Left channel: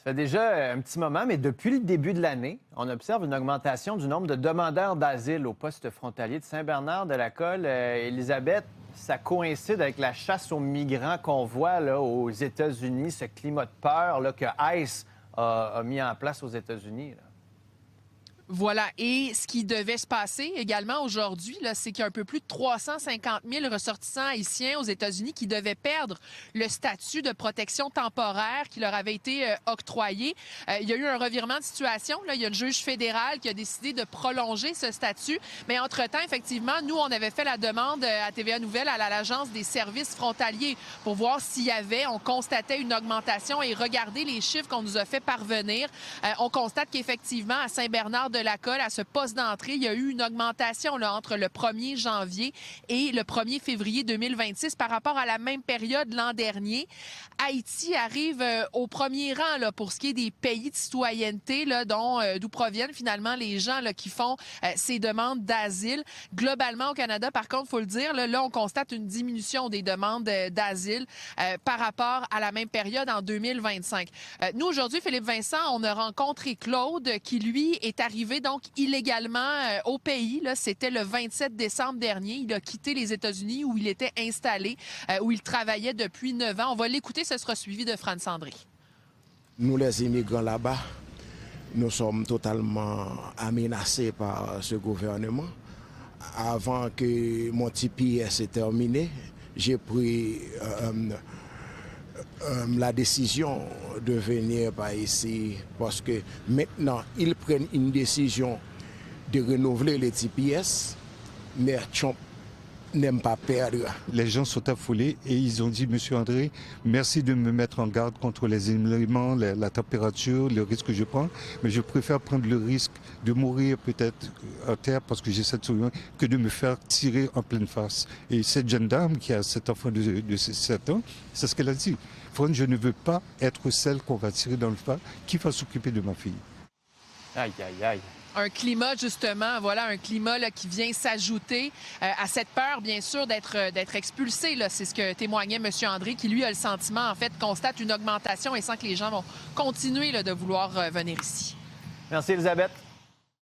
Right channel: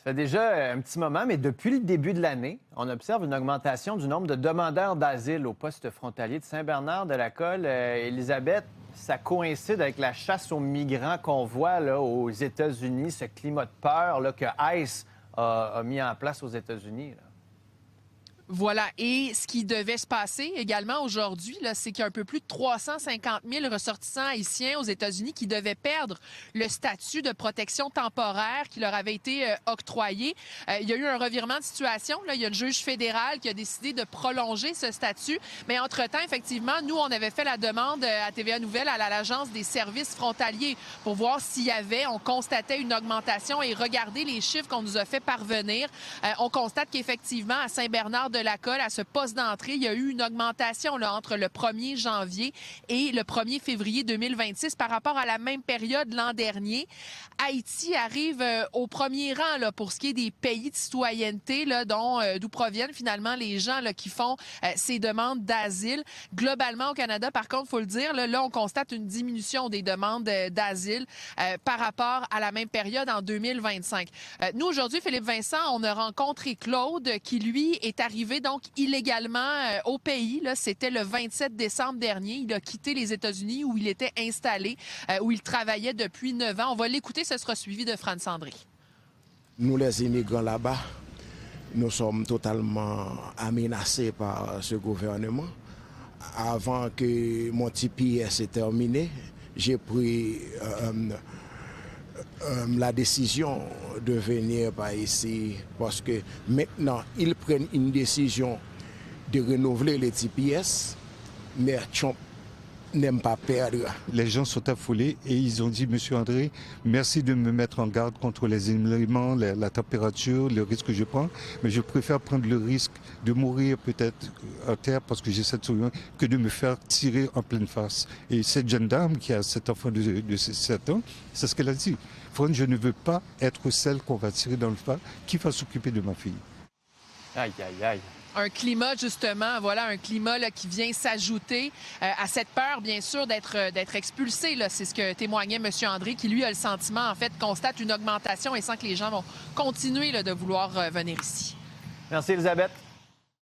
Ça fait déjà un petit moment, mais depuis le début de l'année, on observe une augmentation du nombre de demandeurs d'asile au poste frontalier de Saint-Bernard-de-la-Colle. Élisabeth, ça coïncide avec la chasse aux migrants qu'on voit là, aux États-Unis, ce climat de peur là, que ICE a mis en place aux États-Unis. Là. Voilà. Et ce qui devait se passer également aujourd'hui, c'est qu'il y a un peu plus de 350 000 ressortissants haïtiens aux États-Unis qui devaient perdre le statut de protection temporaire qui leur avait été octroyé. Il y a eu un revirement de situation. Là. Il y a le juge fédéral qui a décidé de prolonger ce statut. Mais entre-temps, effectivement, nous, on avait fait la demande à TVA Nouvelle, à l'Agence des services frontaliers pour voir s'il y avait, on constatait une augmentation et regarder les chiffres qu'on nous a fait parvenir. On constate qu'effectivement, à Saint-Bernard-de-la-Colle, à ce poste d'entrée, il y a eu une augmentation là, entre le 1er janvier et le 1er février 2026 par rapport à la même période l'an dernier. Haïti arrive au premier rang là, pour ce qui est des pays de citoyenneté là, d'où proviennent finalement les gens là, qui font ces demandes d'asile. Globalement au Canada, par contre, il faut le dire, là, on constate une diminution des demandes d'asile par rapport à la même période en 2025. Nous, aujourd'hui, Philippe Vincent, on a rencontré Claude qui, lui, est arrivé donc illégalement au pays. Là, c'était le 27 décembre dernier. Il a quitté les États-Unis où il était installé, où il travaillait depuis 9 ans. On va l'écouter, ce sera suivi de Franz Sandry. Nous, les immigrants là-bas, nous sommes totalement menacés par ce gouvernement. Avant que mon TPS ait terminé, j'ai pris la décision de venir par ici parce que maintenant, ils prennent une décision de renouveler les TPS, mais Trump n'aime pas perdre. Les gens sont affolés et ils ont dit, Monsieur André, merci de me mettre en garde contre les éléments, la température, le risque que je prends, mais je préfère prendre le risque de mourir peut-être à terre parce que j'ai cette solution que de me faire tirer en pleine face. Et cette jeune dame qui a cet enfant de 7 ans, c'est ce qu'elle a dit. Franck, je ne veux pas être celle qu'on va tirer dans le face, qui va s'occuper de ma fille. Aïe, aïe, aïe. Un climat, justement, voilà, un climat là, qui vient s'ajouter à cette peur, bien sûr, d'être expulsé. Là. C'est ce que témoignait M. André, qui, lui, a le sentiment, en fait, constate une augmentation et sent que les gens vont continuer là, de vouloir venir ici. Merci, Elisabeth.